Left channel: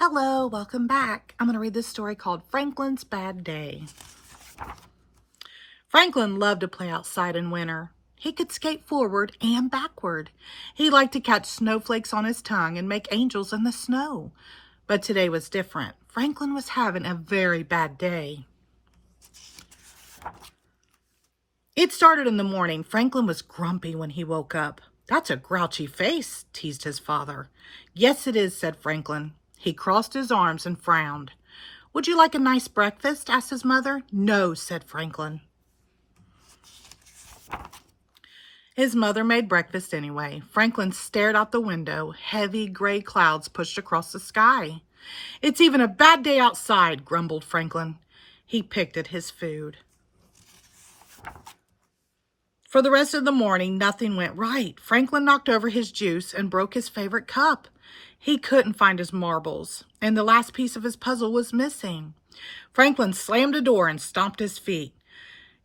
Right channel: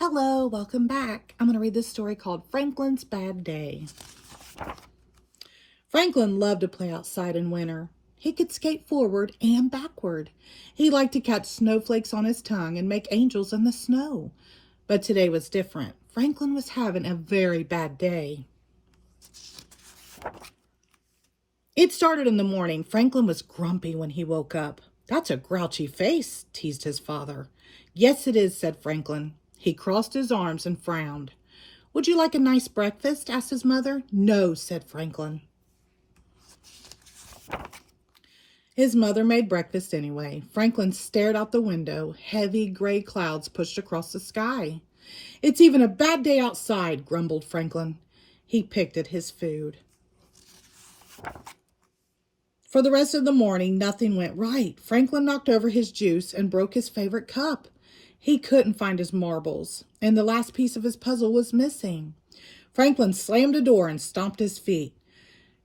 Hello, welcome back. I'm going to read this story called Franklin's Bad Day. Franklin loved to play outside in winter. He could skate forward and backward. He liked to catch snowflakes on his tongue and make angels in the snow. But today was different. Franklin was having a very bad day. It started in the morning. Franklin was grumpy when he woke up. "That's a grouchy face," teased his father. "Yes, it is," said Franklin. He crossed his arms and frowned. "Would you like a nice breakfast?" asked his mother. "No," said Franklin. His mother made breakfast anyway. Franklin stared out the window. Heavy gray clouds pushed across the sky. "It's even a bad day outside," grumbled Franklin. He picked at his food. For the rest of the morning, nothing went right. Franklin knocked over his juice and broke his favorite cup. He couldn't find his marbles, and the last piece of his puzzle was missing. Franklin slammed a door and stomped his feet.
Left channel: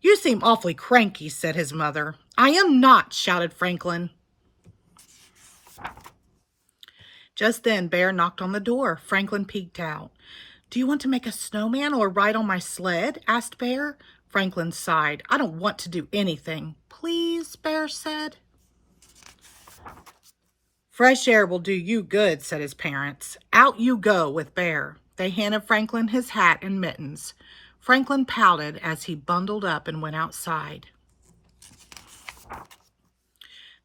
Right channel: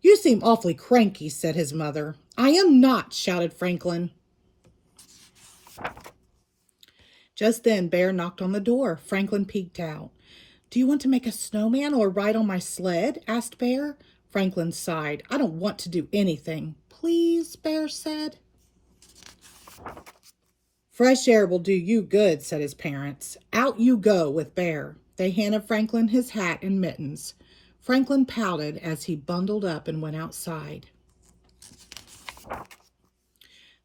"You seem awfully cranky," said his mother. "I am not," shouted Franklin. Just then, Bear knocked on the door. Franklin peeked out. "Do you want to make a snowman or ride on my sled?" asked Bear. Franklin sighed. "I don't want to do anything." "Please," Bear said. "Fresh air will do you good," said his parents. "Out you go with Bear." They handed Franklin his hat and mittens. Franklin pouted as he bundled up and went outside.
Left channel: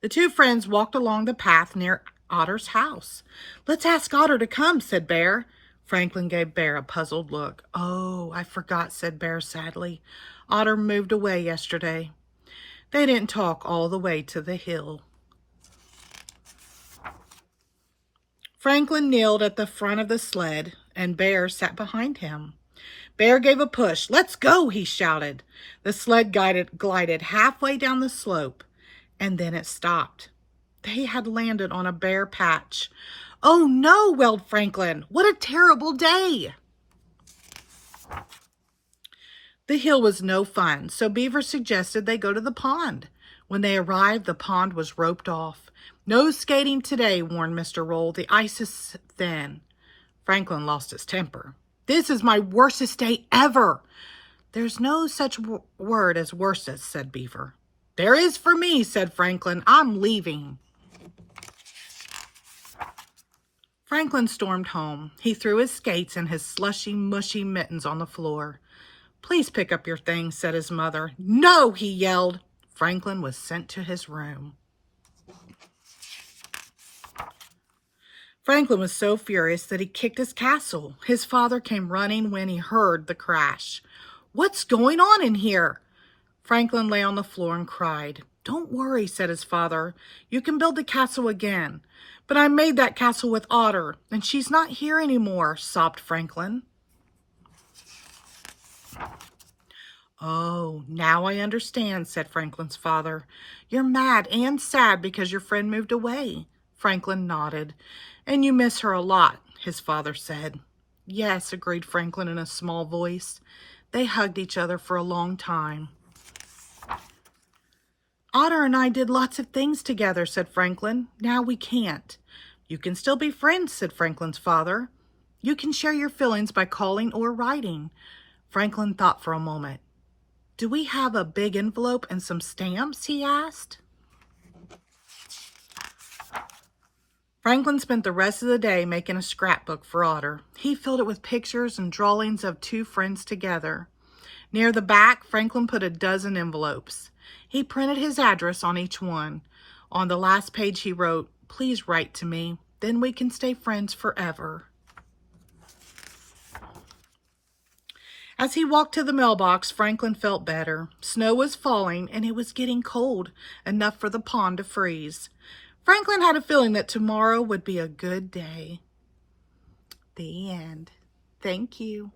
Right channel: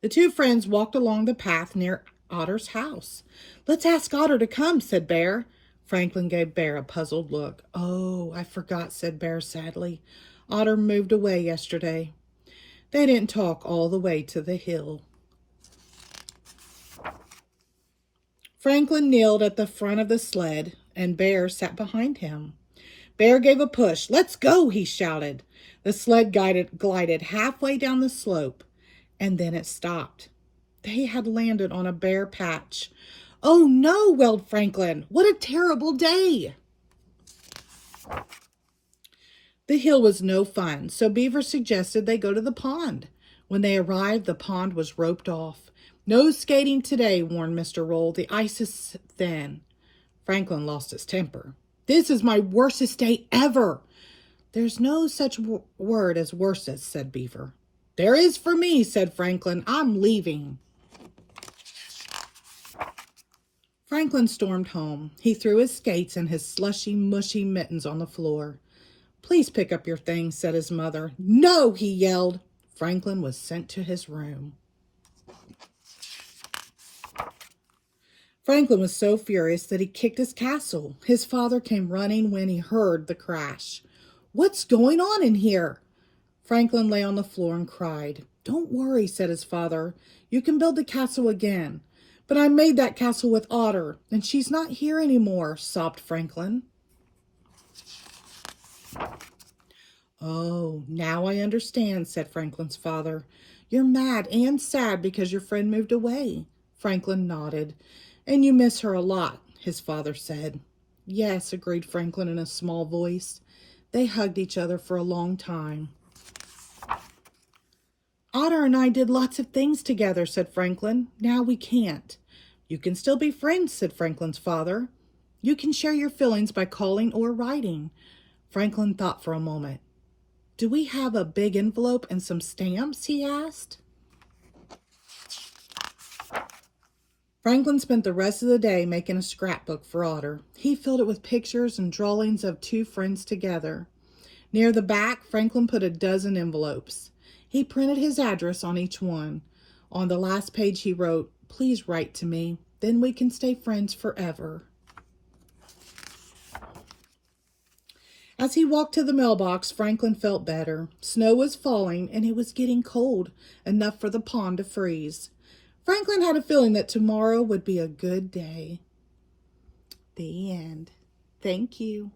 The two friends walked along the path near Otter's house. "Let's ask Otter to come," said Bear. Franklin gave Bear a puzzled look. "Oh, I forgot," said Bear sadly. "Otter moved away yesterday." They didn't talk all the way to the hill. Franklin kneeled at the front of the sled, and Bear sat behind him. Bear gave a push. "Let's go," he shouted. The sled glided halfway down the slope, and then it stopped. They had landed on a bare patch. "Oh no," wailed Franklin. "What a terrible day." The hill was no fun, so Beaver suggested they go to the pond. When they arrived, the pond was roped off. "No skating today," warned Mr. Roll. "The ice is thin." Franklin lost his temper. "This is my worstest day ever." "There's no such word as worstest," said Beaver. "There is for me," said Franklin. "I'm leaving." Franklin stormed home. He threw his skates and his slushy, mushy mittens on the floor. "Please pick up your things," said his mother. "No," he yelled. Franklin was sent to his room. Franklin was so furious that he kicked his castle. His father came running when he heard the crash. "What's going on in here?" Franklin lay on the floor and cried. "Don't worry," said his father. "You can build the castle again." "But I made that castle with Otter, and she's not here anymore," sobbed Franklin. "Oh, now I understand," said Franklin's father. "You're mad and sad because your friend moved away." Franklin nodded. "And you miss her a lot," his father said. "Yes," agreed Franklin in a small voice. They hugged each other for a long time. "Otter and I did lots of things together," said Franklin. "Now we can't." "You can still be friends," said Franklin's father. "You can share your feelings by calling or writing." Franklin thought for a moment. "Do we have a big envelope and some stamps?" he asked. Franklin spent the rest of the day making a scrapbook for Otter. He filled it with pictures and drawings of two friends together. Near the back, Franklin put a dozen envelopes. He printed his address on each one. On the last page he wrote, "Please write to me, then we can stay friends forever." As he walked to the mailbox, Franklin felt better. Snow was falling and it was getting cold, enough for the pond to freeze. Franklin had a feeling that tomorrow would be a good day. The end. Thank you.